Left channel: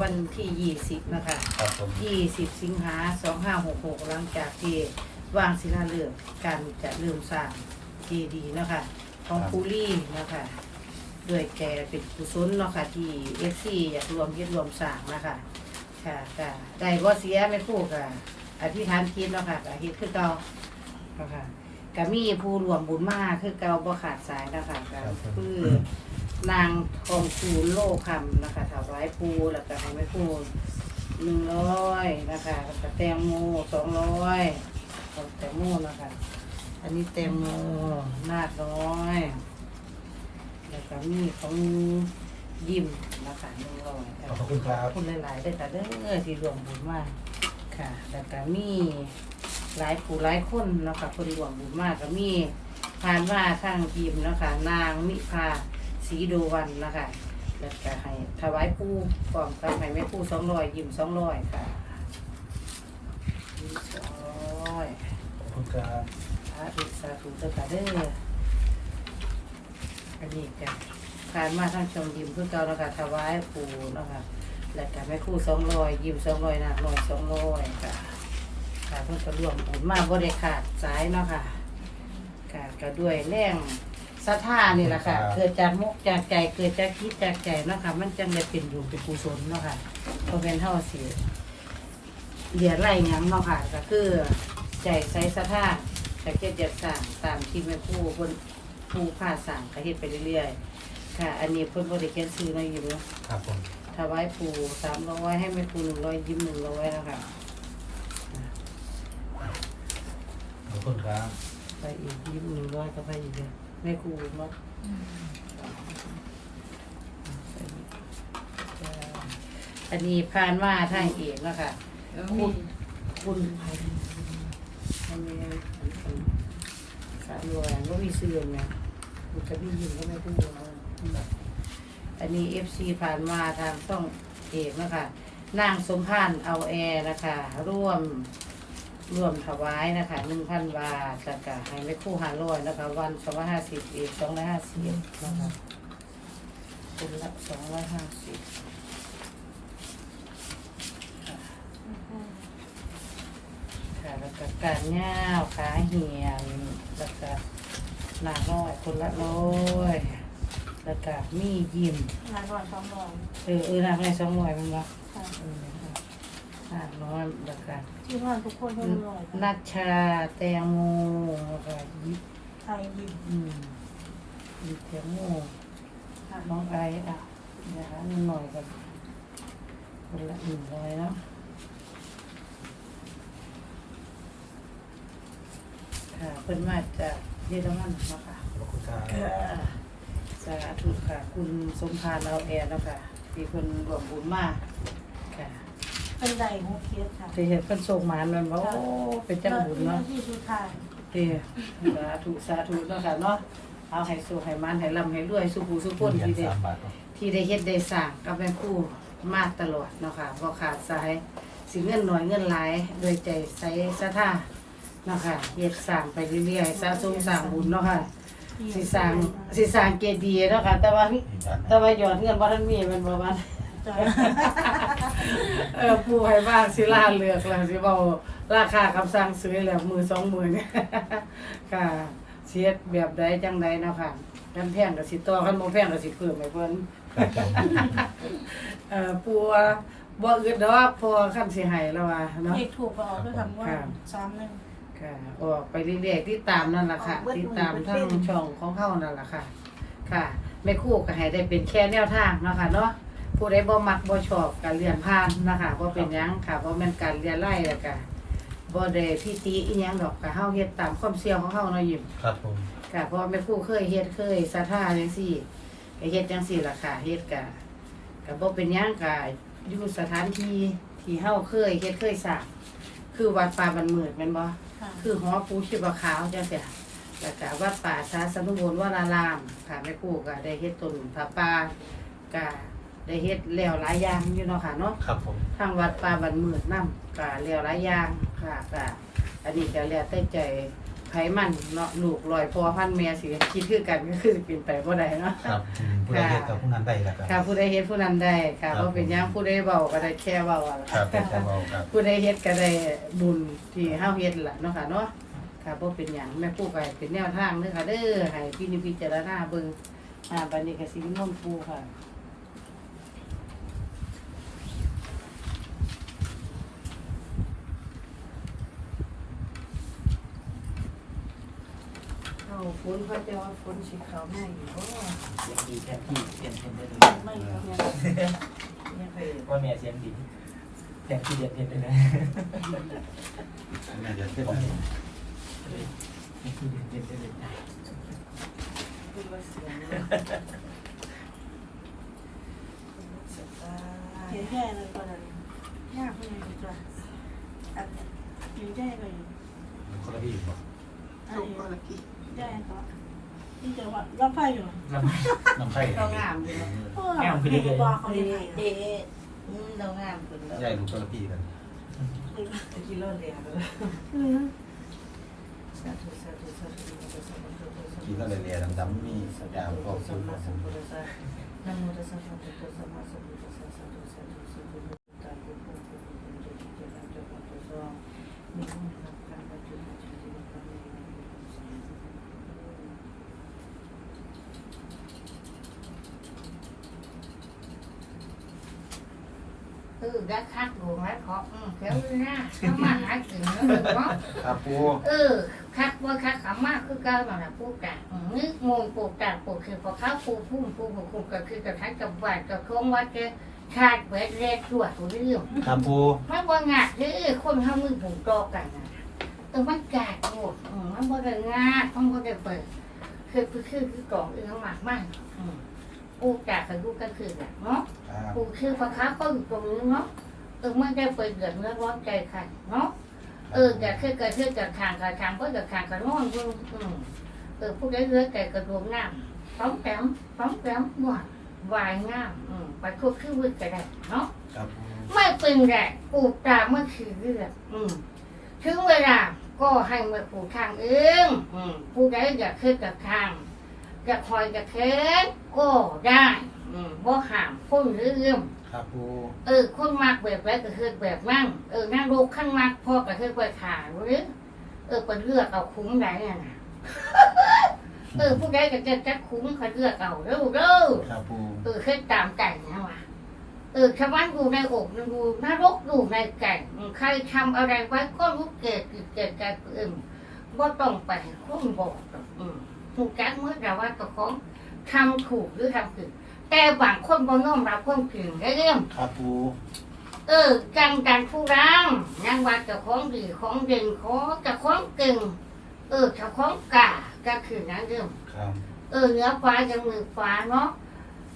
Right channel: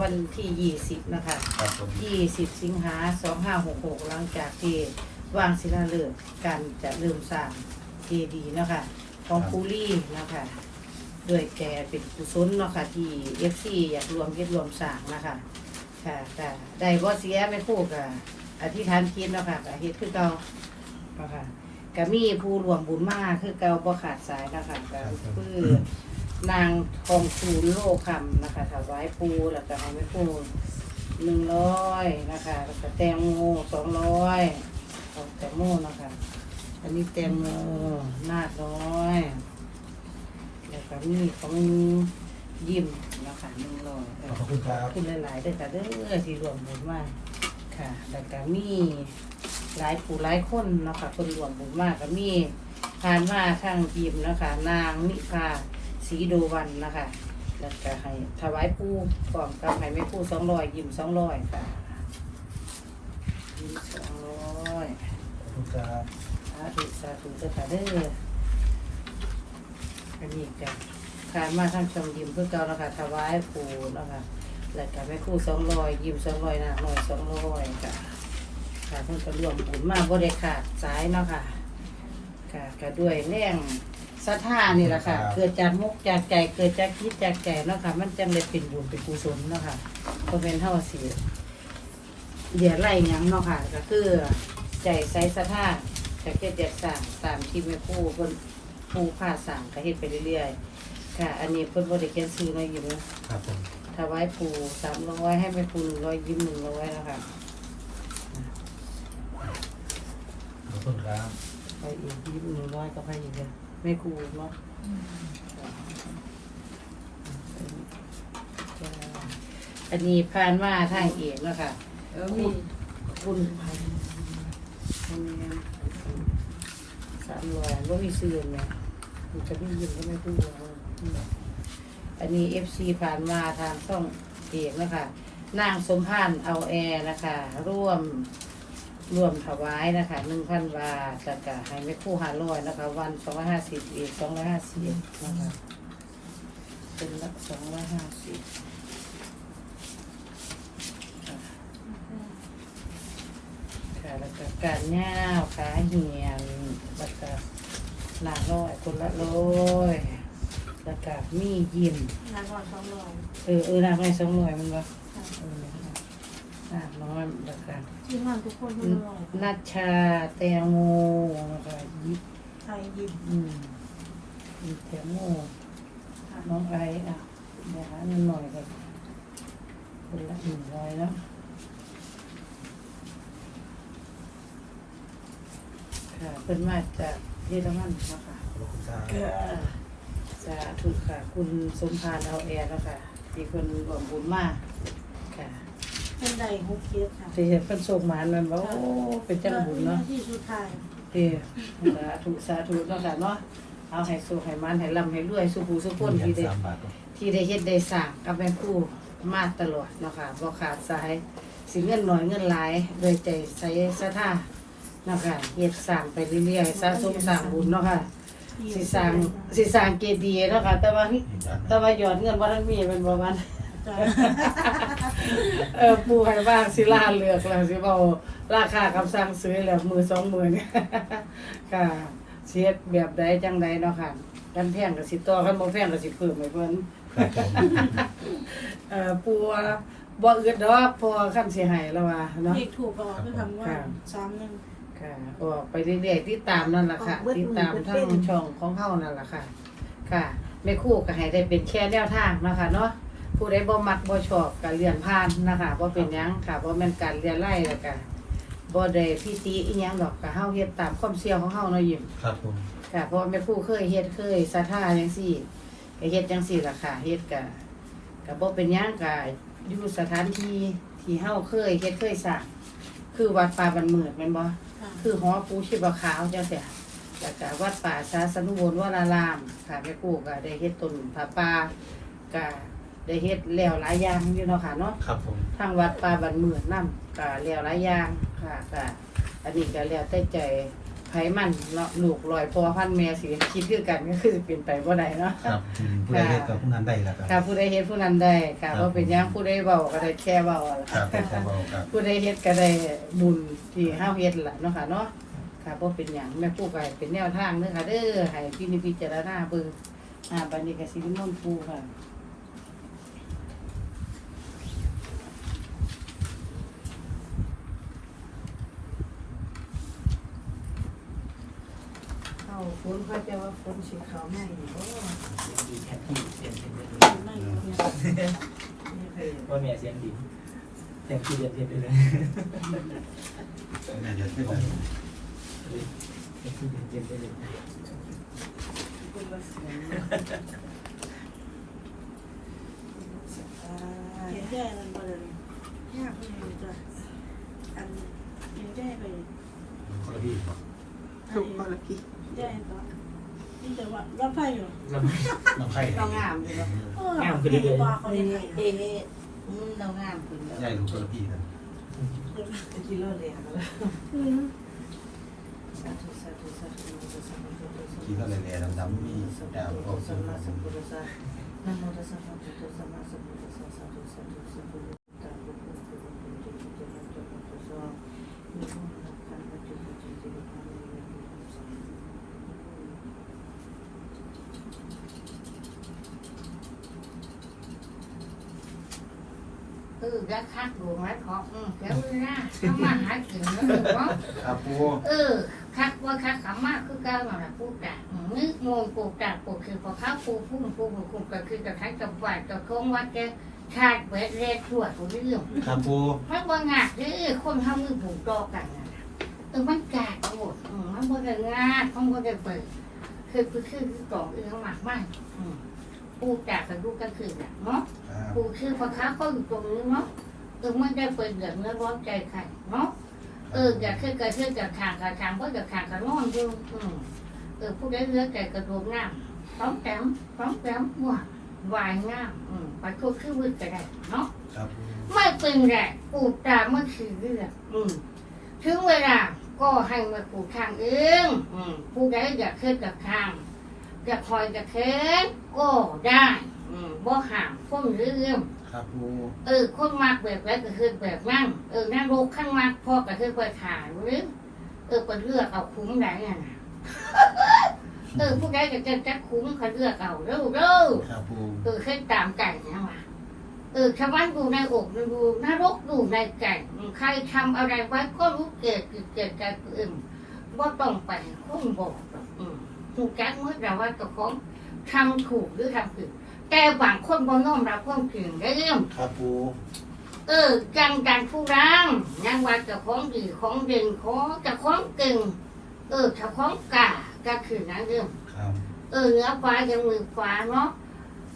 วันที่ยี่สิบนะคะครับผมยี่สิบสิงหาสองห้าหกหกหลังจากที่วางศิลาฤกษ์การจะเริ่มสร้างเจดีย์นะคะของปูรี่นะคะด้วยแกเป็นกุศลเนาะค่ะที่เอฟซีอยากรวมเฮ็ดรวมสร้างนะคะค่ะค่ะได้บ่เสียไม่พูดกับอธิษฐานจิตเนาะค่ะก็เฮ็ดคือเก่าเนาะค่ะก็มีผู้รวมบุญมากคือเก่าบ่ขาดสายนะคะก็คือ นางทองคูณโลคำนะคะถวายปูแล้วก็ให้แม่ปูหนึ่งร้อยนะคะแล้วก็แตงโมสองร้อยเอาแตงโมนะคะ อันนี้แตงโมนาคน้อยแล้วก็มีของยิ้มนะคะหนึ่งร้อยขอบคุณครับคุณหลายๆด้วยค่ะเด้อที่รวมบุญมากค่ะแล้วก็มีหลายผู้หลายคนนะคะคนรวมบุญมากก็มีผ่านมาข้างยิมนะคะ นางนิพา สีโดวันนะคะ แล้วก็ให้ถวายปูพร้อมกับให้แม่ปูสองร้อยยิ้มสองร้อยค่ะยิ้มสองร้อยขอบคุณครับสาธุสาธุเด้อค่ะเด้ออันนี้ก็ผ่านมาทางชมยิ้มเพื่อเก่าแล้วค่ะถวายปูเนาะคะแล้วก็แม่คู่สองร้อยยิ้มสองร้อยนางน้อยสองร้อยค่ะค่ะเพิ่นก็รวมบุญมาบ่ได้ขาดสายเนาะค่ะค่ะก็ด้วยแรง ศรัทธานี่แหละค่ะ เกิดจากมุกจากใจเกิดจากคิดจากใจเนาะค่ะ มันจังได้เป็นบุญเป็นกุศลเนาะค่ะเพราะเป็นเท่าสิเดียไล่หยังเนาะค่ะ ก็คือใจใส่ศรัทธาจะเก็บอยากสั่งตามที่แม่ผู้เพิ่นผู้พาสั่งก็เฮ็ดไปเรื่อยๆค่ะ อันนี้เพิ่นบ่ได้เขียนชื่อเนาะอยู่เนาะครับผมถวายปู่สามร้อยให้แม่ปู่หนึ่งร้อยยิ้มหนึ่งร้อยนะคะขอบคุณครับไปอีกยิ้มหนึ่งร้อยก็ไปอีกเลยแม่ครูเนาะอันนี้ผ่านมาทางเอกแล้วค่ะคุณคุณพันทำไมสามร้อยก็มีเสื่อมไงคุณจะมียิ้มก็ไม่พูดอันนี้เอฟซีผ่านมาทางช่องเอกนะคะนางสมพานเอาแอร์นะคะร่วม รวมถวายนะคะหนึ่งพันบาทแล้วก็ให้แม่ครู่ห้าร้อยนะคะ วันสองร้อยห้าสิบเอกสองร้อยห้าสิบนะคะเป็นละสองร้อยห้าสิบค่ะค่ะแล้วก็การง่าวขาเหียนแล้วก็หนักร้อยคนละร้อยแล้วก็มียิ้มงานก่อนสองร้อยเออเออหนักในสองร้อยมันบ่ ค่ะเออหนักน้อยแล้วก็ที่นอนทุกคนให้ร้อยนัชชาแตงโมแล้วก็ยิบไทยยิ้มอืมยิบแตงโมค่ะน้องไอซ์อะนะคะเงินหน่อยกันคนละหนึ่งร้อยเนาะค่ะเป็นมาจากเยอรมันเนาะค่ะขอบคุณครับค่ะสาธุค่ะ คุณสมพานเอาแอร์แล้วค่ะที่คนรวมบุญมากค่ะ เป็นใดหกเจ็ดค่ะที่เห็นเพิ่นโชคหมานมันบอกโอ้เป็นจังบุญเนาะที่สุดท้ายเด้สาธุสาธุเนาะค่ะเนาะเอาให้สุขให้มันให้ร่ำให้รวยสุขูสุขคนที่ได้สามบาทที่ได้เฮ็ดได้สร้างกับแม่ครูมาตลอดเนาะค่ะบ่ขาดสายสิเงินน้อยเงินหลายโดยใจใส่ศรัทธาเนาะค่ะเฮ็ดสร้างไปเรื่อยๆสะสมสร้างบุญเนาะค่ะสิสร้างสิสร้างเจดีย์เนาะค่ะแต่ว่านี่จานแต่ว่ายอดเงินบ่ทันมีแมันบ่มัน จ้ะเออผู้ให้บ้างสิล่าเลือกแล้วสิเบาราคาคำสั่งซื้อแล้วมือสองมือเนี่ยค่ะเสียดแบบใดจังใดเนาะค่ะกันแพงกับสิต่อกันบ่แพงกับสิเพิ่มให้เพิ่นเอ่อปูว่าบ่อึดดอกเพอคันสิให้แล้วว่าเนาะ เลขถูกก็คือทำว่าสามหนึ่ง ค่ะออกไปเรื่อยๆติดตามนั่นล่ะค่ะ ออกเบิดติดตามมือเบิดทั้งเส้นช่องของเฮานั่นล่ะค่ะ ค่ะแม่ครู่ก็ให้ได้เป็นแค่แนวทางเนาะค่ะเนาะ ผู้ใดบ่มักบ่ชอบก็เรียนผ่านนะคะบ่เป็นหยังค่ะบ่แม่นการเรียนไล่แล้วก็บ่ได้พิติอีหยังดอกก็เฮาเฮ็ดตามความเชื่อของเฮาเนาะยิ้มครับผม ค่ะเพราะว่าแม่ครู่เคยเฮ็ดเคยศรัทธาจังซี่ก็เฮ็ดจังซี่ล่ะค่ะเฮ็ดก็ก็บ่เป็นหยังก็อยู่สถานที่ที่เฮาเคยเฮ็ดเคยสร้างคือวัดป่าบันมืดแม่นบ่ ค่ะคือหอปูชีพขาวจังเสียแล้วก็วัดป่าชาสนุบลวรารามค่ะแม่ปู่ก็ได้เฮ็ดต้นผาป่าก็ ได้เฮ็ดแล้วหลายอย่างอยู่เนาะค่ะเนาะครับผมทางวัดป่าบันเมือดนำก็แล้วหลายอย่างค่ะก็อันนี้ก็แล้วแต่ใจไผมันเนาะลูกลอยพอพันแม่สิคิดคือกันก็คือเป็นไปบ่ได้เนาะ ครับอืมผู้ใดเฮ็ดกับผู้นั้นได้ละคค่ะรับ ผู้ใดเฮ็ดผู้นั้นได้ค่ะครับ บ่เป็นหยังผู้ใดเว้าก็ได้แค่เว้าอะครับล่ะครับเอาครับ ผู้ใดเฮ็ดก็ได้บุญที่เฮาเฮ็ดล่ะเนาะค่ะเนาะค่ะบ่เป็นหยังแม่ผู้ก็ให้เป็นแนวทางเด้อค่ะเด้อให้พี่นิพิจารณาเบิ่งอ่าบัดนี้ก็สินิมนต์ปู่ค่ะาฝนเขาจะว่าฝนสิเข้าแม่งอยู่บ่ดีแค่ที่เสียงเสียงไม่เนี่ยไม่เคยว่าเนี่ยเสียงดีแต่ที่เรียนเรียนไปเลยแม่เดียวขึ้นเรียนเรียนไปเลยเป็นว่าเสียงเขียนแค่นั้นก็เลยยากไม่เลยจ้ะอันเขียนแค่เลยคนละที่ครับคนละที แค่ปะที่จะว่ารับไพ่เหรอแล้วน้องไข่เรางามอยู่เนาะแง่คือดีบอกเขาเอ๊เลยะเอ๊ะอืมเรางามขึ้นแล้วใหญ่ลูกคนละที่กันกิโลเลยค่ะอืมสาธุสาธุสาธุสาธุสาธุกินแล้วเลยๆดำๆมีสกาวก็สัซื้มอมามาสัมพุทธัสสะนะโมตัสสะภะคะวะโตสัมมาสัมพุทธัสสะสาธุสาธุสัพพุายุโกภวะปุตุจิตตังจักรพรรดิมิมุขังคันตุจิตติจิตติสัมเออ ได้คักดวงแล้วขออืมเดี๋ยวหน้าเข้ามาหากินแล้วเดี๋ยวเนาะครับปูเออ คักว่าคักขำมากคือเก้าแบบปูกะนึกงงปูกะปูคือพอข้าวปูพุ่มปูปูคุมก็คือกับทั้งกับวัดกับโค้งวัดเจขาดเบ็ดเล็ดถั่วตัวเรื่องครับปูมันว่างาดคือคนทำมือผูกตอกันนะเออมันกาดหมดอืมมันบ่ได้งาดมันบ่ได้เปิดคือคือคือคือกล่องเอื้อมากมากอืมปูกะกับลูกก็คือแบบเนาะครับ ปูคือพอข้าวก็อยู่ตรงนี้เนาะเออไม่ได้เปิดเดือดเนื้อร้อนใจใครเนาะเออแกคือกระชื่อกระทางกระทางเพราะกระทางกระนอนอยู่อืมเออผู้ใดเลือกแกกระโดดน้ำต้องแต้มต้องแต้มหวานวายงามอืมไปคุกคือวึดก็ได้เนาะครับปูไม่เป็นไรปลูกตามเมื่อคือเรื่องอืมถึงเวลาก็ให้มาปลูกทางเองอืมผู้ใดอยากขึ้นกับทางอยากคอยกับเค้นก็ได้ อืมบ่ห้ามคนเรื่องครับปูเออ คนมากแบบแล้วก็คือแบบนั่งเออนั่งโลกขั้นมากพ่อก็คือไปถ่ายหรือเออไปเลือกเอาคุ้มไหนอะนะเออผู้ใดก็จะจะคุ้มเขาเลือกเอาเร็วเร็วครับปูเออขึ้นตามไก่นะวะเออชาวบ้านอยู่ในอกอยู่นรกอยู่ในไก่ใครทำอะไรไว้ก็รู้เกิดกิดเกิดใจเอิ่มว่าต้องไปคุ้มบอกหรอกอืมถูกแก๊กเมื่อแต่ว่าตัวของทำถูกหรือทำผิด แต่บางคนบ่น้อมรับความจริงได้เรื่องครับปูเออจังดันผู้รังยังว่าเจะของดีของเด่นของเจะของเก่งเออเจะของกาก็คือนั้นเรื่องครับเออเนื้อฟ้ายังมือฟ้าเนาะ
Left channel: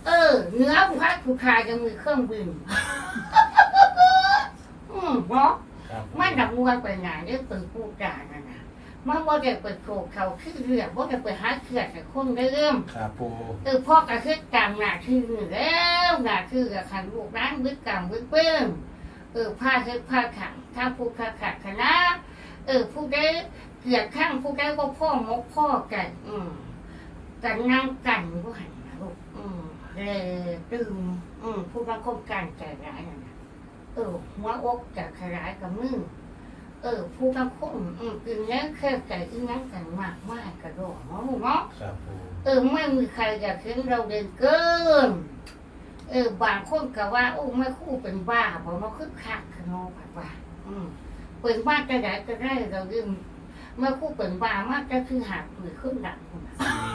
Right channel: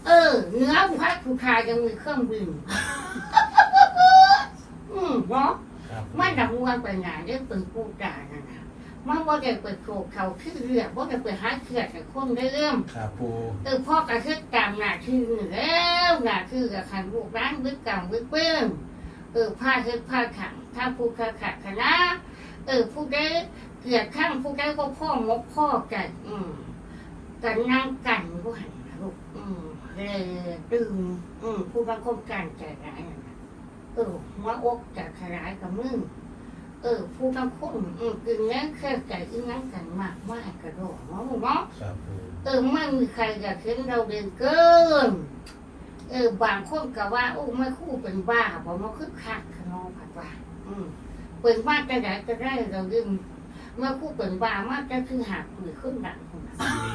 เออเนื้อฟ้าผู้ชายยังมือเครื่องบินอืมเนาะครับมันดับวันไปไหนได้เปิดผู้จ่ายนั่นนะ มันว่าจะเปิดโขกเขาขึ้นเรือว่าจะเปิดหาเขื่อนให้คนได้เริ่มครับปูเออพ่อกระทึกตามหน้าที่นี่แล้วหน้าที่กับขันลูกร้านวิกกรรมวิกเปิ้มเออผ้าเทผ้าขังถ้าผู้ขัดขัดคณะเออผู้ได้เกลียดข้างผู้ได้ก็พ่อมกพ่อกันอืมกันนั่งกันผู้หันนะลูกอืมเลยตื่นอืมผู้รังคมกันใจร้ายนั่นน่ะเออหัวอกจะขยายกับมือ เออ ผู้รังคมอืมกินแล้วแค่ใจอีนั้นกันมากมากกระโดดเนาะลูกเนาะครับปูเออไม่มีใครอยากเห็นเราเด่นเกิน เออบางคนก็ว่า โอ้ไม่คู่เป็นบ้าบอกมาคึกคักขนองผัดว่า อืมเป็นบ้าจะไหนก็ได้เราดึงเมื่อคู่เป็นบ้ามากก็คือหาปืนขึ้นหลังพุ่นน่ะนี่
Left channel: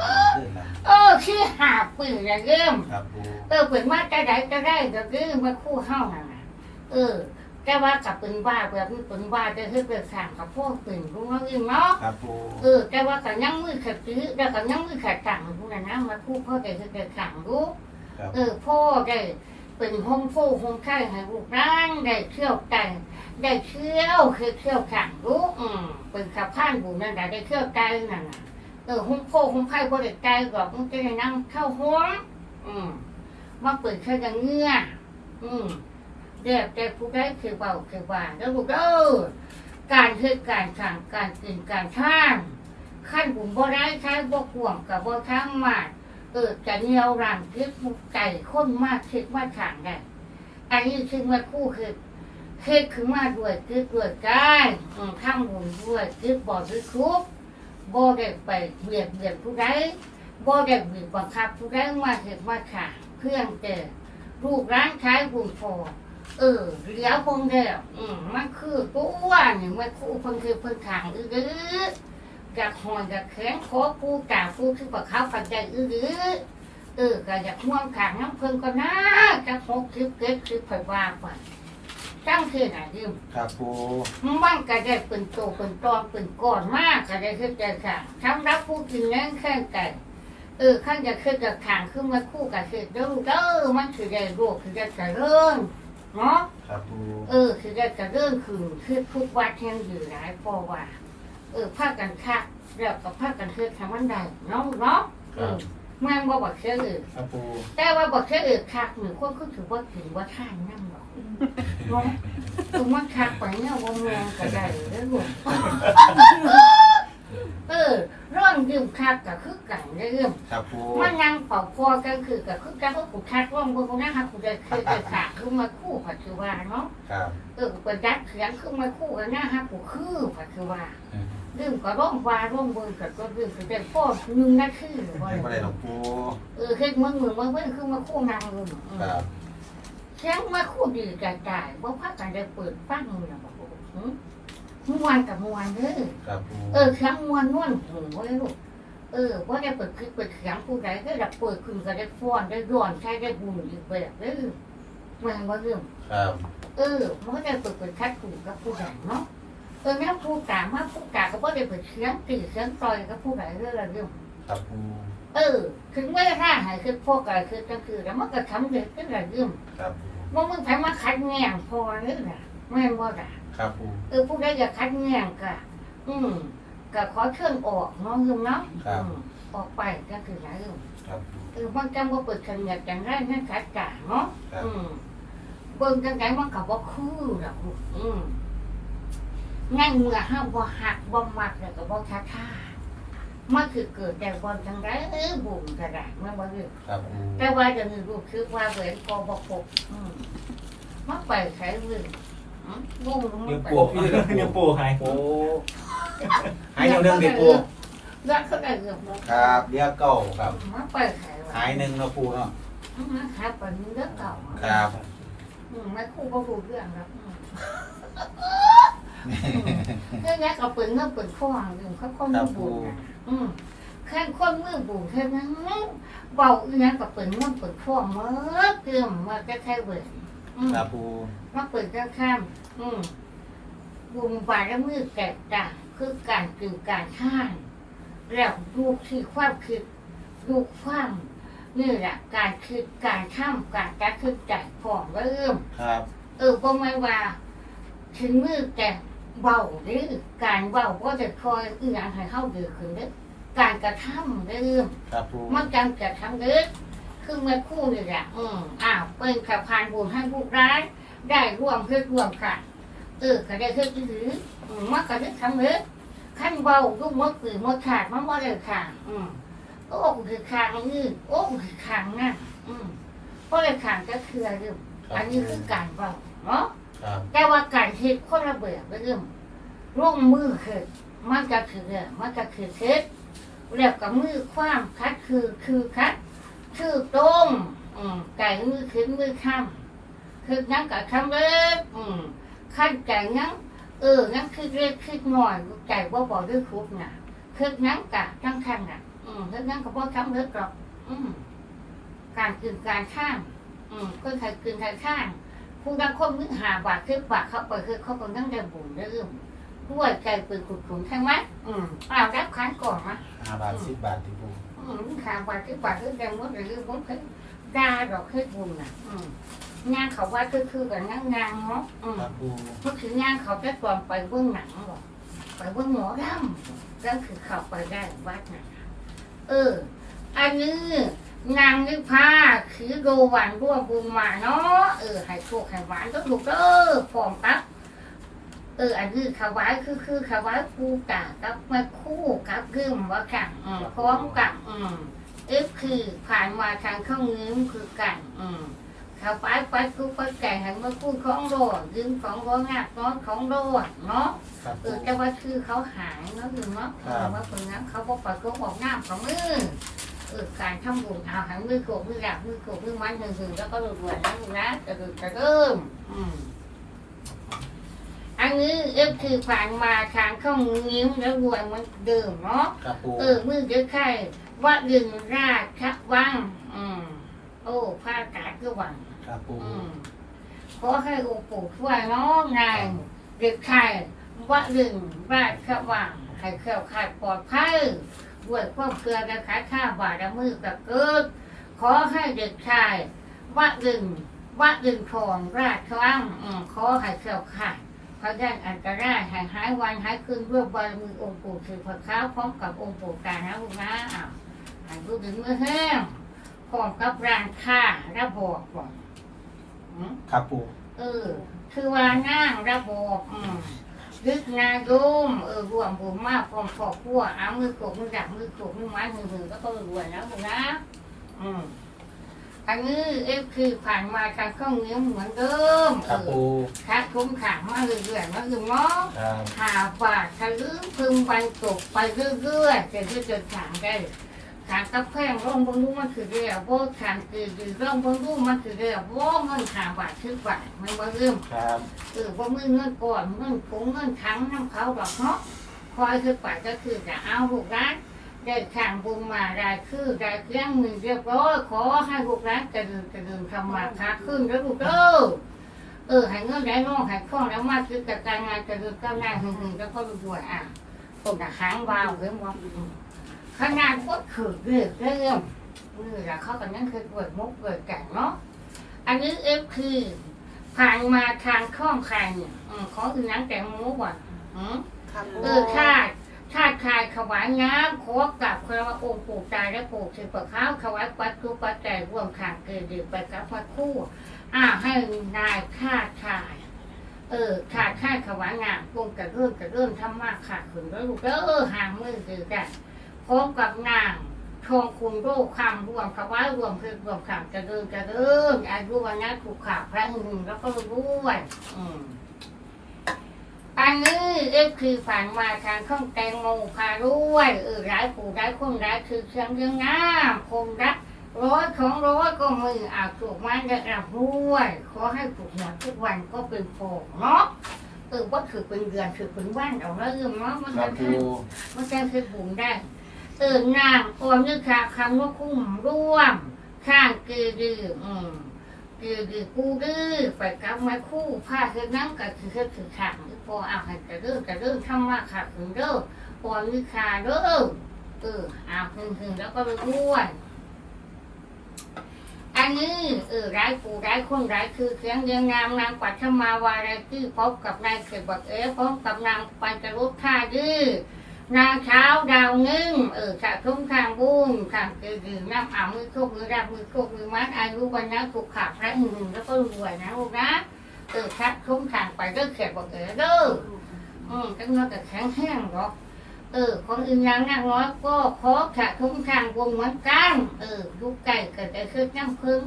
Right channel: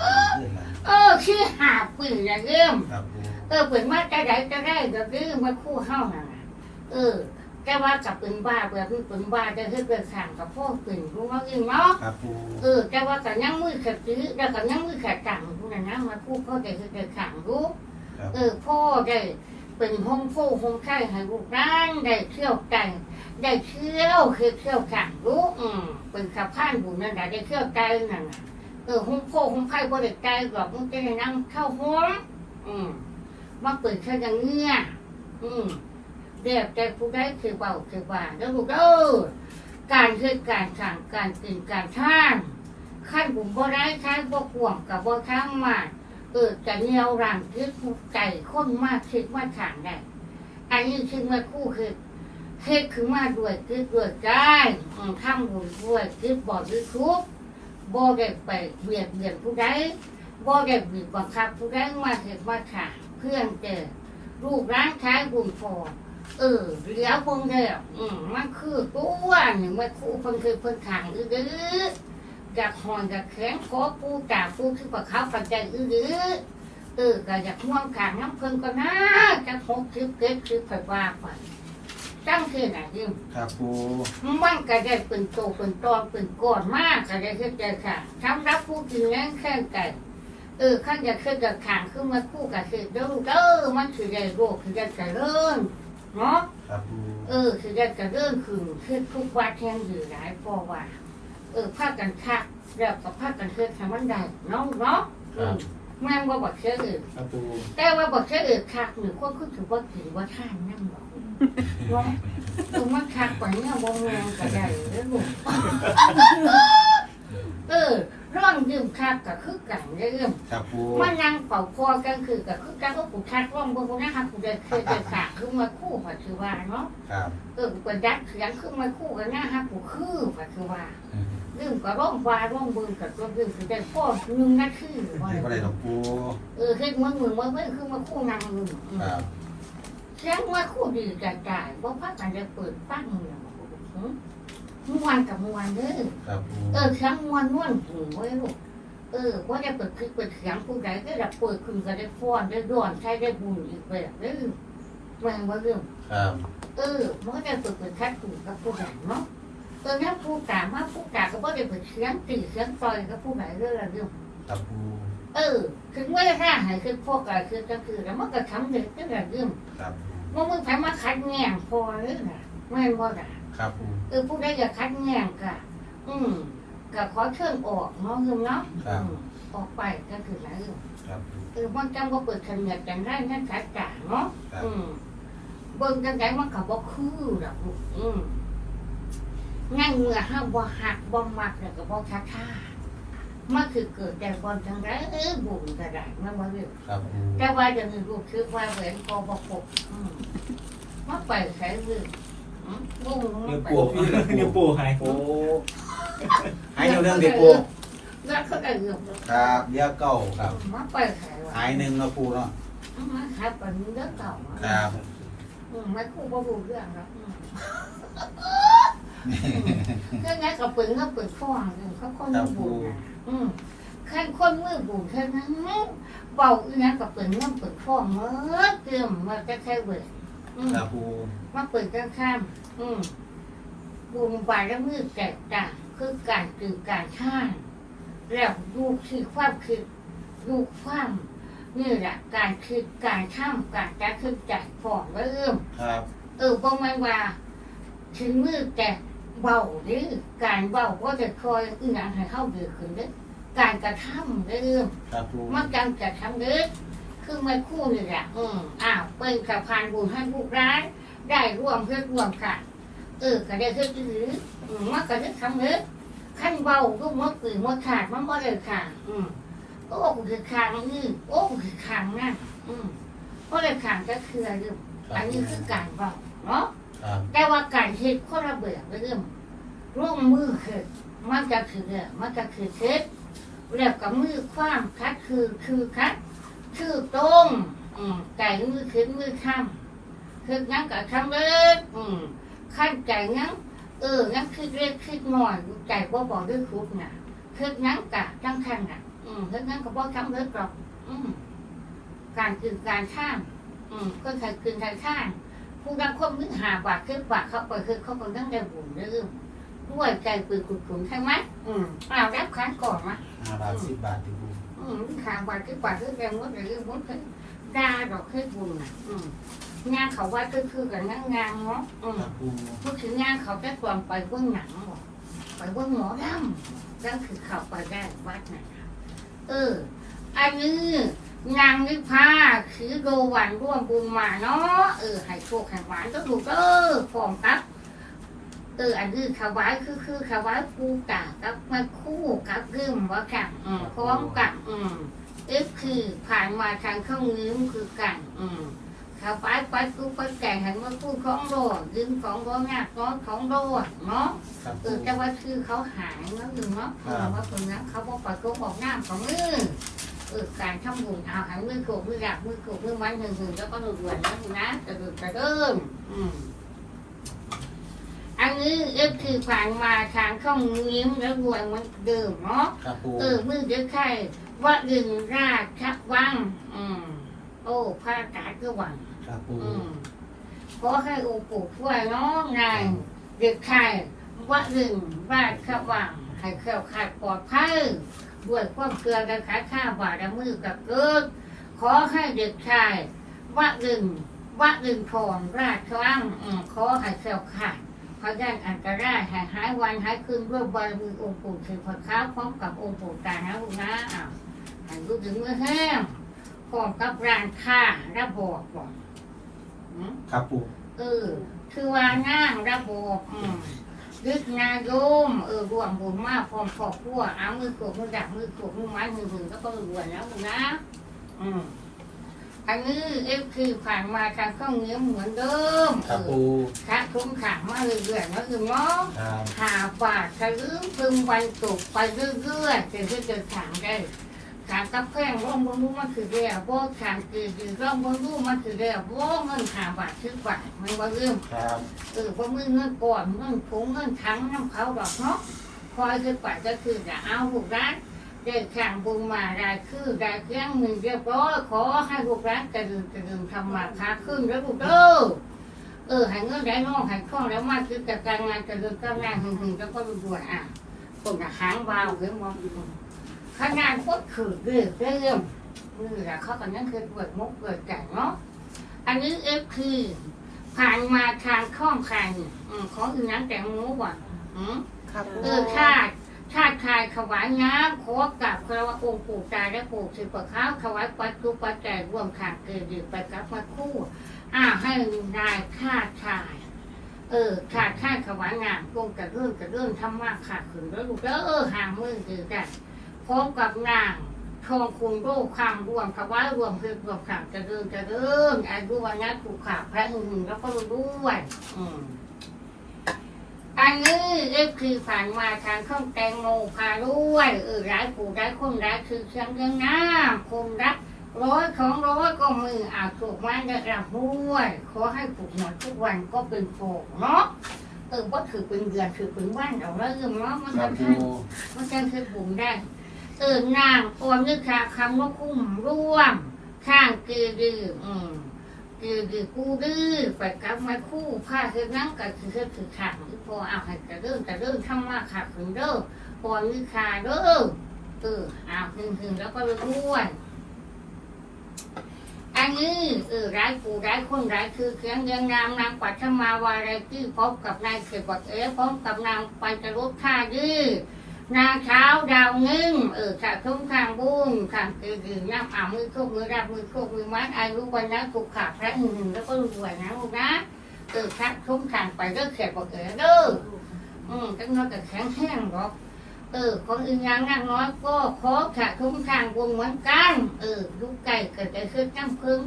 อ่าเรื่องนั้นเออคือหาปืนอย่างเริ่ม ครับปูเออเป็นบ้าจะไหนก็ได้เราดึงเมื่อคู่เฮ้านั่นน่ะเออ แต่ว่ากับเป็นบ้าแบบนี้เป็นบ้าจะคือเป็นสั่งกับพวกปืนรู้เนาะอึ้งเนาะครับปูเออแต่ว่ากับยังมือขัดตื้อแล้วกับยังมือขัดตังรู้นะนะมาพูดพ่อแกคือแกขังรู้ครับเออพ่อได้เป็นห้องโฟห้องไข่ให้ลูกร่างได้เที่ยวไก่ได้เที่ยวคือเที่ยวขังรู้อืมเป็นขับผ่านบุญนั่นแหละได้เที่ยวไก่นั่นน่ะเออห้องโฟห้องไข่บ่ได้ไก่หรอกมันจะได้นั่งเข้าห้องอืมมาเปิดแค่ยังเงื่ออืม เรียกแต่ผู้ได้คือเบาคือว่าแล้วลูกเออการคือการสั่งการกินการท่านขั้นบุญบ่ได้ใช้บ่กวงกับบ่ทั้งมาเออจะเหนียวรังคิดไก่ข้นมากคิดว่าทางได้อันนี้คือมาคู่คือคิดคือมาด้วยคิดด้วยใจทำบุญด้วยคิดบ่ด้วยคุกบ่ได้ไปเบียดเบียนผู้ใดบ่ได้บีบบังคับผู้ใดมาเห็นว่าค่ะเพื่อนเจอลูกร้านขายบุญพอ เออเลี้ยวพงเดียวอืมมันคือตัวนี่งมันคู่เพิ่นคือเพิ่นขางอื้อดื้อกับหอนกับแขนคอปูกาปูคือประเขาปัจจัยอื้อดื้อเออก็อยากม่วงขางน้ำเพิ่นก็น่าจะหกคือเก็ดคือไผว่าไปตั้งคือไหนยิ่งครับปูมันก็ได้เป็นโตเป็นตอนเป็นก้อนมากก็ได้คือใจค่ะทำรับผู้กินนั่งแค่ไก่เออข้างจะคือกับขางขึ้นมาคู่กับคือเด้อเด้อมันคือได้โรคคือได้กระเริ่ม เนาะครับปูเออ คือได้กระเรื่องคือคือทุกวัดแห่งอยู่หลายปอว่า เออผ้ากันคักแล้วกับผ้ากันคือทำมันได้เนาะเนาะเออแม่งว่าบอกเชื่ออื่นครับปูแต่ว่าบอกเชื่ออื่นคักหนึ่งคนคือถือว่าถือว่าท่านนั่นบอกเนาะคือมันคักกว่าเนี้ยวงงก็ได้แล้วลูกเออ ร่องยืมคักกับคือกันเรื่องครับปูมันนั่งเป่าคอกันคือกับคือกันก็กูคักร่องบนนะคะกูจะเคยจะขาดคือมาคู่ปัจจุบันเนาะครับเออกูเป็นดักเสียงขึ้นมาคู่กันนะฮะกูคือปัจจุบันเรื่องก็ร้องฟ้าร้องเบิ่งกับตัวเรื่องคือได้พ่อหนึ่งนาทีบ่ไม่เป็นไรหรได้อกปูเออเฮ็ดมึงมึงว่าเพิ่นคือมาคู่นางมึงครับเสียงมาคู่ดีใจใจบ่พักกันได้เปิดฟังมึงน่ะบ่หือ ม่วนกับม่วนเด้อครับปูเออเสียงม่วนม่วนหูไว้ลูกเออบ่ได้เปิดคลิปเปิดเสียงผู้ใดก็ได้เปิดขึ้นก็ได้ฟ้อนได้ร้อนใช้ได้บุญอีกแบบเด้อแม่นบ่เรื่อง ครับเออมันก็จะเปิดเปิดคัดกูกับผู้ใหญ่เนาะเออน้าผู้กามาผู้กาก็บ่ได้เปิดเสียงตีเสียงต่อยกับผู้ใหญ่เรื่องละเรื่องครับปูเออ ถึงเวลาถ้าหายคือพวกอะไรคือก็คือแล้วมันก็ทำเด็กก็ละเรื่องครับมันมึงไปมาคัดแง่งพอเรื่องน่ะไม่นบ่ล่ะ ครับปูเออผู้ใดอยากคัดแง่งก็อืมก็ขอเชิญออกเนาะคือเนาะอืมออกไปก็คือละเรื่องครับเออมันจำว่าเปิดขันเงียบจังไรนั่นขัดกาเนาะครับอืมเบิ่งจังไงมันก็บ่คือดอกลูกอืมงั้นเมื่อห้าบ่หักบ่มักแล้วก็บ่ทักท่ามันคือเกิดแต่ก่อนจังไรเอ้ยบุญก็ได้มันบ่รู้ครับปูแต่ว่าจะมีลูกคือว่าแหวนคอบ่ครบอืมมันไปใช้เรื่อง อืมงงมันิ้นวไปปูพี่นิ้วปูหายโอ้หายเรื่องเด็กปูเรื่องเขาได้เรื่องเนาะครับเรียกเก้าครับมันไปใช้ว่าหายหนึ่งนะปูเนาะอืมมันหายไปเรื่องเก่าครับอืมไม่คู่บ่รู้เรื่องแล้วอืมแค่นั้นก็เปิดเงินเปิดข้อหนึ่งเขาคนมือบุญนะอืมขั้นคนมือบุญแค่นั้นเบาอีนั้นก็เปิดเงินเปิดข้อเมื่อเติมมาจะใช้เบิด อืมครับปูมาเปิดข้างข้าม อืมบุญบารและมือแตกต่างคือการตื่นการท่านแล้วดูที่ความคิดดูความนี่แหละการคิดการท่ำการจัดขึ้นจัดฟองเริ่ม ครับเออบ่แม่นว่าถึงมือแต่เบาหรือการเบาก็จะคอยอีหยังให้เข้าดีขึ้นเด้อการกระทำเรื่องครับปูมันการกระทำเด้อ คือไม่คู่นี่แหละอืมอ้าวเป็นขับพานบุญให้ผู้ร้ายได้ร่วมเพื่อร่วมค่ะเออก็ได้เพื่อถืออืมมันก็ได้ทำเด้อขั้นเบาก็มดปืนมดขาดมันบ่ได้ขาดอืมโอ้กูคือขางนี่โอ้กูคือขางนั่นอืมบ่ได้ขางก็คือเรื่องอันนี้คือการเบาเนาะครับแต่ว่าการคิดคนละเบื่อเรื่องร่วมมือคือมันก็คือเรื่องมันก็คือคิดแล้วกับมือความคัดคือคือคัด คือตรงอืมไก่มือขึ้นมือข้ามคืองั้นก็ทำเล็กอืมขั้นใจงั้นเอองั้นคือเล็กคือหน่อยใจว่บอกด้วยคุกน่ะคืองั้นกะทั้งขั้นน่ะ อืมคืองั้นก็บอกทำเล็กหรอกอืมการกินการท่านอืมก็ใครกินใครท่านผู้บางคนมึงหาบาทขึ้นบาทเขาไปคือเขาเป็นตั้งแต่บุญเรื่องด้วยใจปืนขุดขุนใช่ไหมอืมเอารับขันก่อนมาห้าบาทสิบบาทที่ปู อืมหาบาทขึ้นบาทขึ้นแต่มดหรือมดขึ้นดาดอกขึ้นบุญน่ะงานเขาว่าก็คือกันงานงานเนาะอืมครับปูเมื่อคืนงานเขาจะตอนไปเบื้องหนังบอกไปเบื้องหมอดำก็คือเขาไปได้วัดน่ะเออ อันนี้นางนิพาคือดูวานร่วมบุญมาเนาะเออให้โชคให้หวานก็ถูกเออฟอมตับ เอออันนี้ขวายคือคือขวายกูกะกับมาคู่กับกึมว่ากันอืมพร้อมกันอืมเอฟคือผ่านมาทางเครื่องมือคือกันอืมขวายไปกูไปแก่งหันมาคู่ของโดดยืมของโดงักน้องของโดดเนาะครับเอปูอแต่ว่าคือเขาหายเนาะคือเนาะเออว่าคนนั้นเขาบอกว่าเขาบอกหน้าของมือเออการทำบุญเอาหันมือโขกมือหลักมือโขกมือมันหึงหึงแล้วก็รวยๆนะมึงนะกระดูกกระเริ่มอืม อันนี้เอฟคือผ่านมาทางเข้ายิ้มแล้วรวยเหมันเดิมเนาะ ครับปูเออมือเดือไข่ว่าดึงราชวัง อืม โอ้พระกาศก็วัง ครับปูอืมขอให้องค์ปู่ช่วยเน้องนายเด็กไข่ว่าดึงราชวังให้เคลื่ขาดปลอดภัยด้วยความเกลือและขาข้าบาดมือกับเกิด ขอให้เด็กชายว่าดึงว่าดึงทองราชวังอืมขอให้เคลื่ขาด พระย่านอันตรายหายหายวันหายคืนด้วยบารมีองค์ปู่ถือพระค้าพร้อมกับองค์ปู่กานะลูกนะอ้าวหันลูกถึงมือแห้งพร้อมกับร้านค้าระบอกก่อนอืมครับปูเออ คือว่านั่งระบบอืมยึดนายมเออรวมบุญมากพร้อมครอบครัวเอามือขูกมือดักมือขูกมือไม้มือหือแล้วก็รวยนะลูกนะ อืม อันนี้เอฟคือผ่านมาทางเครื่องเงี้ยเหมือนเดิมคเอรับอปูถ้าคุ้มขังมาเรื่อยๆมาถึงน้องครับหาบาททะลึ่งพึงวันตกไปเรื่อยๆจนจะเดินทางได้ขางกับแพงร่องบนรู้มันคือเรียบว่าขางคือดีร่องบนรู้มันคือเรียบว่าเงินหาบาทชื่อบาทมันมาเริ่มครับเออว่ามือเงินก่อนเงินผงเงินทั้งน้ำเขาดอกเนาะคอยคือป่าก็คือจะเอาลูกร้าน ได้ข่างบุญมาได้คือได้เครื่องมือเรียบร้อยขอให้ลูกร้านกระดึงกระดึงทำมาค้าขึ้นแล้วลูกเด้อเออใหายเงินได้น้องใหายข้องแล้วมาคือกับการงานจะคือก้าวหน้าหึงหึงแล้วก็รวยอะคนกับหางวาวเรื่องว่าขนาดโคตรขืดเรื่องเรื่องมือละเขากันนั่นคือเกิดมุกเกิดแก่เนาะอันนี้เอฟคือผ่านมาทางข้องใครอืมของอื่นนั้นแต่งมูว่ะอืมครับเออชาติ ชาติชายถวายน้ำขอกับคารวะองค์ปู่ตาและปู่ถือปะข้าวถวายปัจจุปัจจัยร่วมทางเกิดดีไปกับมาคู่อ่าให้นายชาติชาย เออชาติชายถวายงานตรงกับเรื่องกับเรื่องทำมากขาดขืนแล้วลูกเออห่างมือคือกันพร้อมกับนางทองคุณโรคความรวมถวายรวมคือรวมขามจะเดินจะเดินอายุวันนี้ถูกขาดพระหึงแล้วก็ด้วยอืม อันนี้เอฟคือผ่านมาทางเครื่องแตงโมพาด้วยเออร้ายผู้ร้ายคนร้ายคือเชียงยังน้ำคมรักร้อยของร้อยก็มืออาบถูกมันได้รับด้วยขอให้ถูกหมดทุกวันก็เป็นโฟกเนาะเออว่าถือเป็นเดือนถือเป็นวันเอาแล้วเรื่องเนาะมันจะบขึ้นมันจะคือบุญได้เออนางออมนึกค่ะคำว่าคุ้มร่วมข้างคือดื้ออืม คือคือกูดื้อไปกลับมาคู่ผ้าคือน้ำกับคือคือคือขาดที่พอเอาให้กระเรื่องกระเรื่องทำมาขาดถึงเด้อพอมีขาเด้อเออเอาถึงถึงแล้วก็ไปด้วนอันนี้เออร้ายปูร้ายคนร้ายคือเครื่องยังงามนางปัทมาวาไรที่พบกับนายเขตบักเอ๋พบกับนางปัญจรุษท่าดื้อ นางเช้าดาวนึ่งเออขาดทุ่งทางบุญทางคือดื่มน้ำอามือโคกมือรับมือโคกมือมัดอายุวันนั้นถูกขาดพระหนึ่งแล้วก็รวยนะลูกนะเออคัดทุ่งทางไปเด้อเขตบอกเออเด้ออืมจังน้อยแต่แข็งแห้งหรอกเออคนอื่นยังนั่งน้อยก็ขอขาดทุ่งทางวงเหมือนกันเออลูกไก่เกิดได้ขึ้นน้ำพึ่ง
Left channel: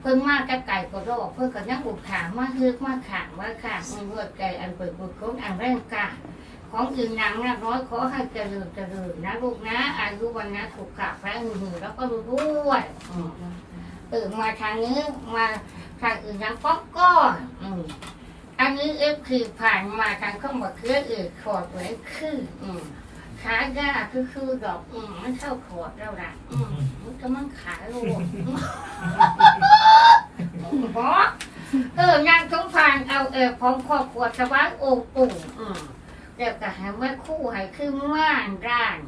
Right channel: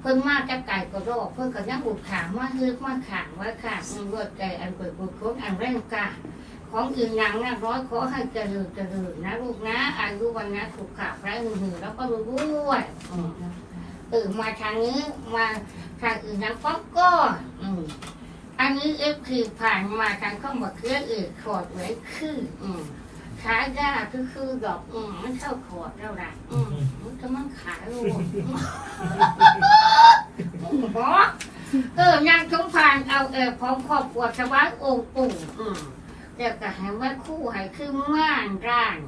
เพิ่งมาจะไก่ก็รอกเพิ่งก็ยังอุดถามมาเลือกมาขางว่าขางมันรวดใจอันเปิดบุญคนอันแรงกา ของอื่นนางนาน้อยขอให้เจริญเจริญนะลูกนะอายุวันนะถูกขาพระหึงหึงแล้วก็รู้ด้วยอืมเออมาทางนี้มาทางอื่นนั้นก็ก็อันนี้เอฟคือผ่านมาทางข้อมาเครื่องอื่นขอดไว้คืออืมขายาคือคือดอกอืมมันเข้าขอดแล้วล่ะอืมมันก็มันขายลูกอืมอเออนางสงพานเอาเออพร้อมครอบครัวชาวบ้านองค์ปู่อืม เดี๋ยวก็ให้แม่คู่ให้ขึ้นม่านร้าน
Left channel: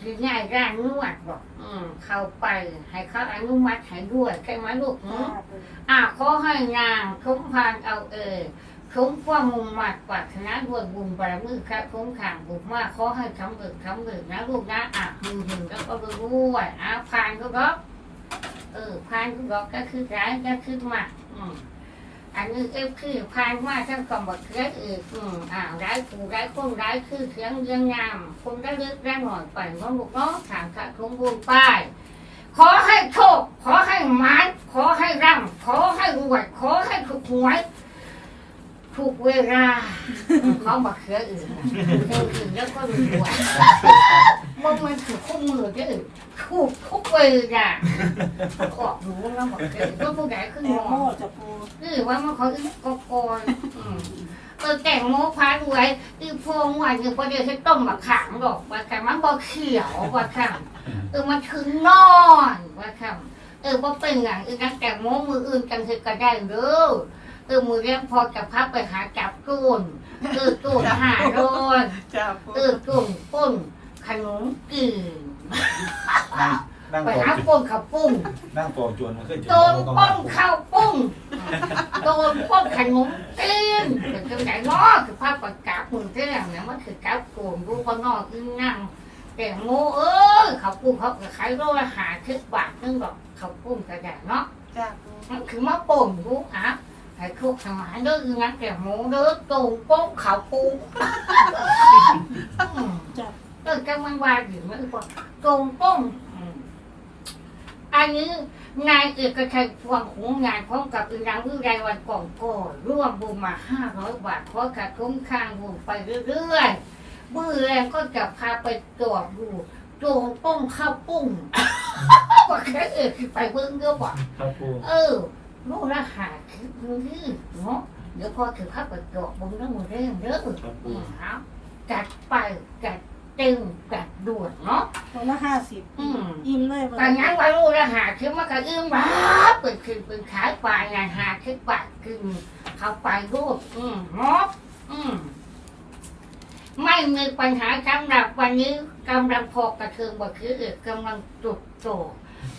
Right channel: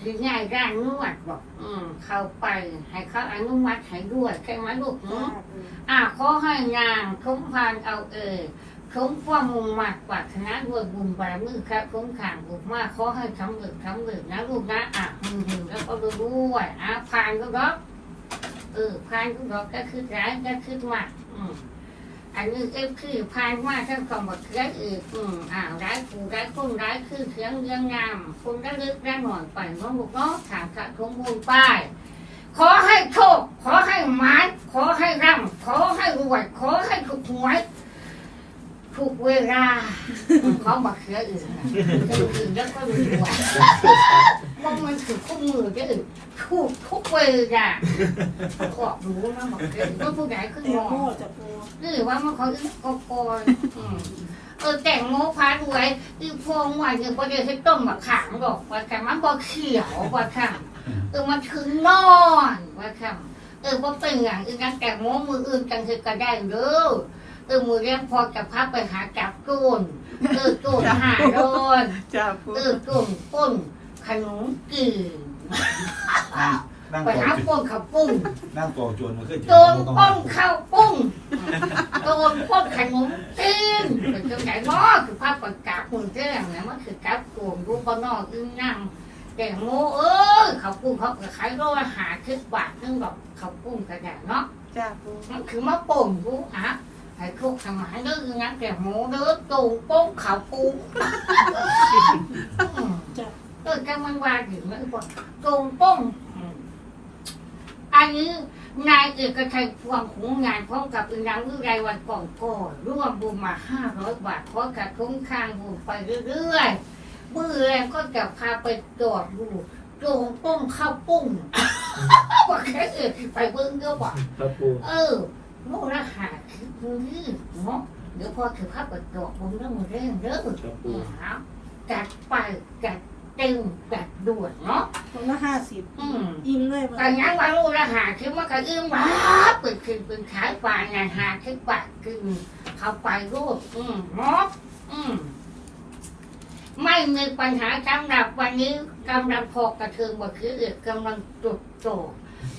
คือง่ายร้านนวดบอกอืมเข้าไปให้เขาอนุมัติให้ด้วยใช่ไหมลูกหนูอ่าขอให้งานสมพานเอาเออสมความมุ่งมั่นปรารถนาด้วยบุญบารมีครับคงขางบุญมากขอให้สำเร็จสำเร็จนะลูกนะอะหึงหึงแล้วก็ด้วยอะผ่านก็ก็เออผ่านก็ก็ก็คือร้ายก็คือมากอืม อันนี้เอฟคือพานมาทั้งกองบักเขืออีกอืมอ่าร้ายปูร้ายคนร้ายคือเสียงเรียงงามคนได้เลือกได้หน่อยไปน้องลูกน้องถามขาดคงพูนป้ายขอให้โชค ขอให้หมานขอให้ร่ำขอให้รวยขอให้ถูกหวยถูกเวลาเขาบักเขืออื่นนะเดินถึงแล้วก็รวย มองมันถือคู่มือได้อื่นถูกทุกเวลาออกรู้นะบักเขือก็ผู้ใดขึ้นแตมงอโมงจะปูนี่ว่ามันเขาอึกกกอนอืมเออแต่งโมพาด้วยที่พวงว่าอยู่ประเดี๋ยวที่ต้มมะขามดอกว่าแต่มันบ่เขียวว่าค่ะเออมันถึงนอนว่าค่ะเออบ่เป็นอย่างอื่นกันแต่งโมมืออื่นกันคือก็ได้เด้อเออมือเลี้ยงพอจะพักไปหาจับโจนเออโจนหาโดนจ้าปูเออโจนป้น ขนมกีนนั่งนั่งไปกอหาป้นขับปุ้งนั่งกอจวนมันขึ้นโดนป้นข้าวปุ้งโดนป้นขนมตีนเป็นจังไหนเนาะคือภาพประกาศหุ่นเท่งนะมันคือกราฟโกงรู้พอนอกอึ้งนั่งแต่โมเอ้ยเขาปุ้งเขาก็ขายโลละหาคิดบาทนึงดอกเขาปุ้งกระดาษเนาะจ้าปูมันคือมาป่นรู้อะให้ทุกทำหายเด้องั้นแต่โมเด้อโกงโป้งเขาปุ้งอืม จ้าก็จะมันว่าอยู่ไม่กว่าตรงป้งอืมอันนี้นายเอกชัยพวงของงานพร้อมกับอินรังวิไรวันก่อนก่อนร่วมบุญมาห้าร้อยบาทขอกระทุ่มข้างบุญไปเรื่อยๆมือแรงก็จะพาไปจอดดูโจงป้งข้าวปุ้งว่าแค่เอกไปเบิ้งเด้อบ่ครับปูเออลูกละหาคือมือนี่เนาะเดี๋ยวพอถือภาพไปจอดบุญแล้วมือแรงเด้อครับปูเอาจัดไปจัด เต็มจัดด่วนเนาะตรงละห้าสิบอืมอิ่มเลยการงานวันรู้ละหาคือมันก็อื้มว้าเปิดคืนเป็นขายปลายงานหาคือปากคือเข้าไปรูปอืมเนาะอืมไม่มีปัญหาสำหรับวันนี้กำลังพอกระเทืองบ่คือเอกกำลังจุดโต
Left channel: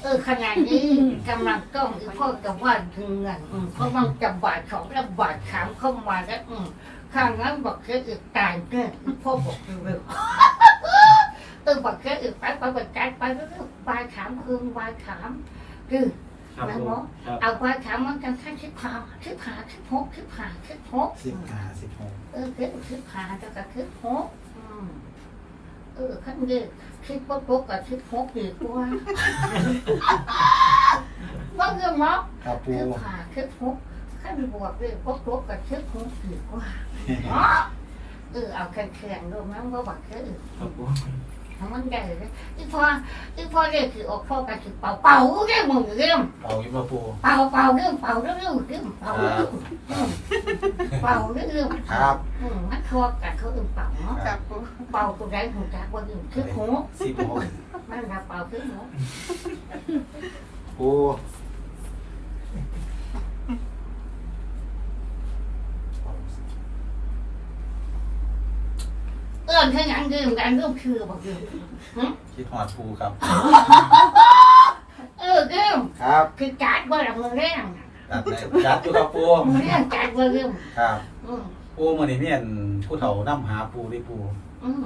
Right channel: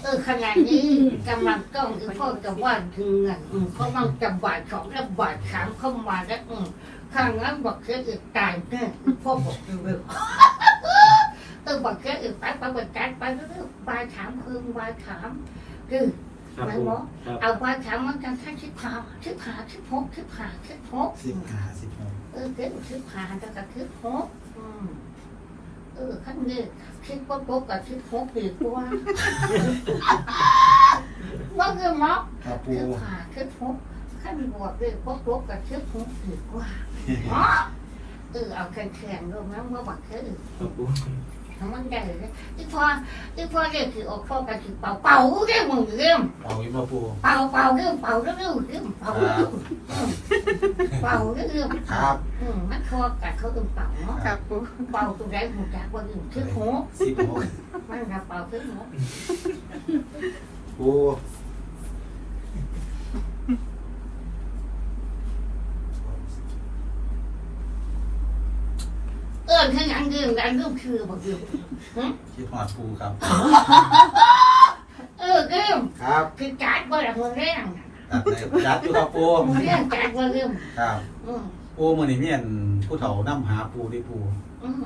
เออขณะนี้กำลังต้องอีพ่อจะว่าถึงเงินอืมเพราะมันจะบาดสองและบาดสามเข้ามาแล้วอืมข้างนั้นบอกแค่อึดตายเนี่ยพ่อบอกเร็ว ๆเออบอกแค่อึดไปไปไปการไปเรื่อยๆปลายถามคืนปลายถามคือครับปูครับเอาปลายถามมันกันแค่ชิบหาชิบหาชิบหกชิบหาชิบหกสิบห้าสิบหกเออเกิดชิบหาแต่ก็ชิบหกอืมเออขั้นเดียวชิบปุ๊บปุ๊บกับชิบหกดีกว่าว่าคืองเนาะ ครับปูชิบหาชิบหกขั้นบวกเลยปุ๊บปุ๊บกับชิบหกดีกว่าอ๋อเออเอาแข็งๆดูนะว่าบักแค่อื่นครับปู ทำมันได้เลยที่พอที่พอเรียกคือออกพ่อกันคือเป่าเป่าเรื่องมึงเรื่องเอาอีกมาปูเป่าเป่าเรื่องเป่าเรื่องเรื่องเป่าเรื่องเป่าเรื่องครับอืมมันคอกัดเขาอื่นเป่าเนาะครับปูเป่าตัวใดหัวจากคนอื่นคือหัวสิบหกมันจะเป่าคือหัวปู เออ ถ้าอย่างดื่มกันเรื่องคือบอกดื่มคิดหอดปูครับ เออดื่มครับคือจัดเบอร์มือแรงจัดเลยจัดอยู่ครับปูมือแรงจัดเบอร์ดื่มครับอืมปูมื่อนี้เนี่ยผู้เฒ่านํหาปูที่ปูอืม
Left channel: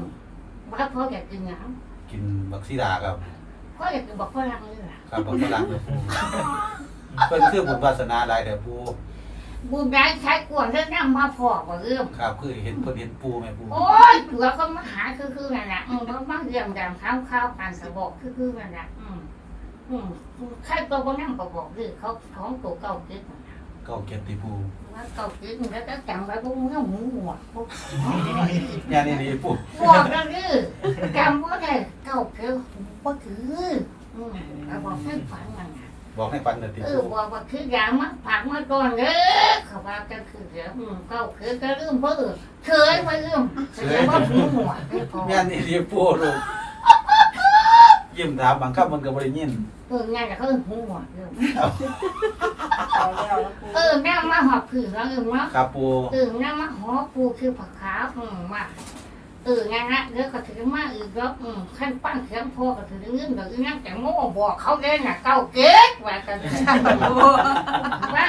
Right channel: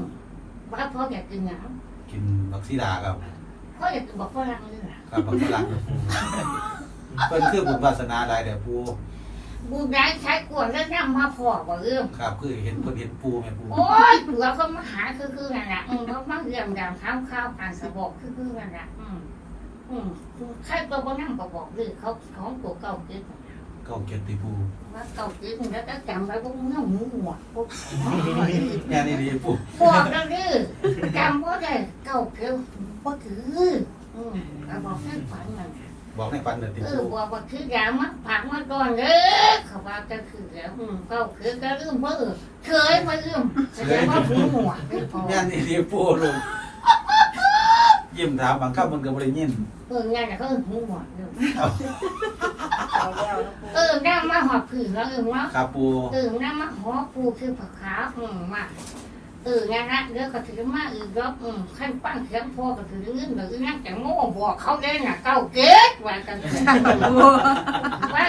บ้าพ่ออยากกินหยังกินบักซีดาครับพ่ออยากกินบอกฝรั่งเลยล่ะครับบักฝรั่งเลยปูเพิ่นคือบุญวาสนาหลายเด้อปู บุญได้ใช้กวนแล้วนั่งมาพอว่าเอื้อมครับคือเห็นเพิ่นเห็นปูไหมปูโอ้ยตัวก็มาหาคือคือนั่นแหละอืมแล้วมาเรื่องดำข้าวข้าวปานกระบอกคือคือนั่นแหละอืมอืมใครตัวก็นั่งกระบอกเลยเขาของตัวเก่าเกิดเก้าเก็บที่ปูว่าเก่าเกิดแล้วก็จำไว้พวกเงี้ยหมูหัวพวกเนี่ยนี่นี่ปูบอกแล้วนี่จำว่าได้เก่าเกิดก็คืออืมแล้วบอกให้ฝันมัน บอกให้ฟันเด้อที่เอปูอบอกว่าคือยามาผักมาก่อนเด้อเขาว่ากันคือเดี๋ยวอืมเขาคือก็ลืมเพราะเออเคยมาลืมแสดงว่าหูหนวกไม่พอเนี่ยนี่นี่ปูลูกยิ้มถามบางคำมันก็บ่ได้ยินเอองานแต่เขาเออหูหนวกเออเอาแล้วแล้วปูเออหน้ามาหอบผืนแล้วเออว่าครับปูเออหน้ามาหอบปูคือผักขาวอืมมา เออนั่นนะเดี๋ยวก็ถือมาอีกรอบอืมขั้นปั้นเสียงพอก็ถือเงินเดี๋ยวอีนั่งแต่งโม่บอกเขาเล่นน่ะเก้าเก๊กว่ากันเถอะว่า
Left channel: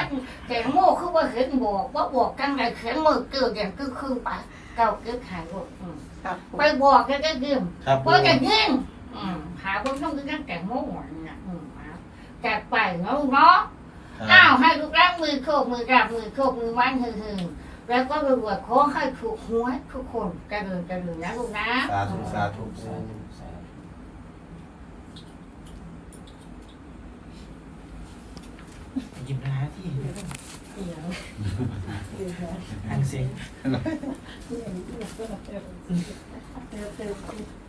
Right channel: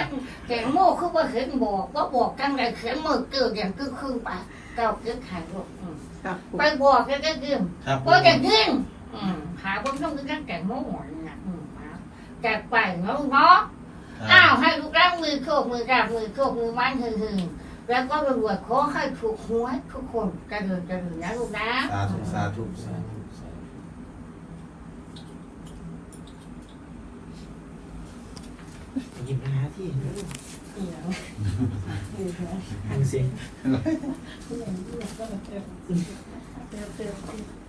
แต่งโม่คือว่าเห็นบอกว่าบอกกันไรเขียนมือเกิดอย่างคือคือไปเก้าเก๊กหายหมดอืมครับปูไปบอกแกก็ดื่มครับปูก็จะดื่มอืมหาคนต้องกินกันแต่โม่นะอืมเอาแต่ไปเนาะเนาะคอ้าวให้ลูกรักมือโคกมือราบมือโคกมือมันหึงหึง แล้วก็รวยๆขอให้ถูกหวยทุกคนเจริญเจริญนะลูกนะสาธุสาธุสาธุสาธุยิ้มนะที่เดี๋ยวเดี๋ยวเดี๋ยวทางสิเดี๋ยวก็แบบเติมเติม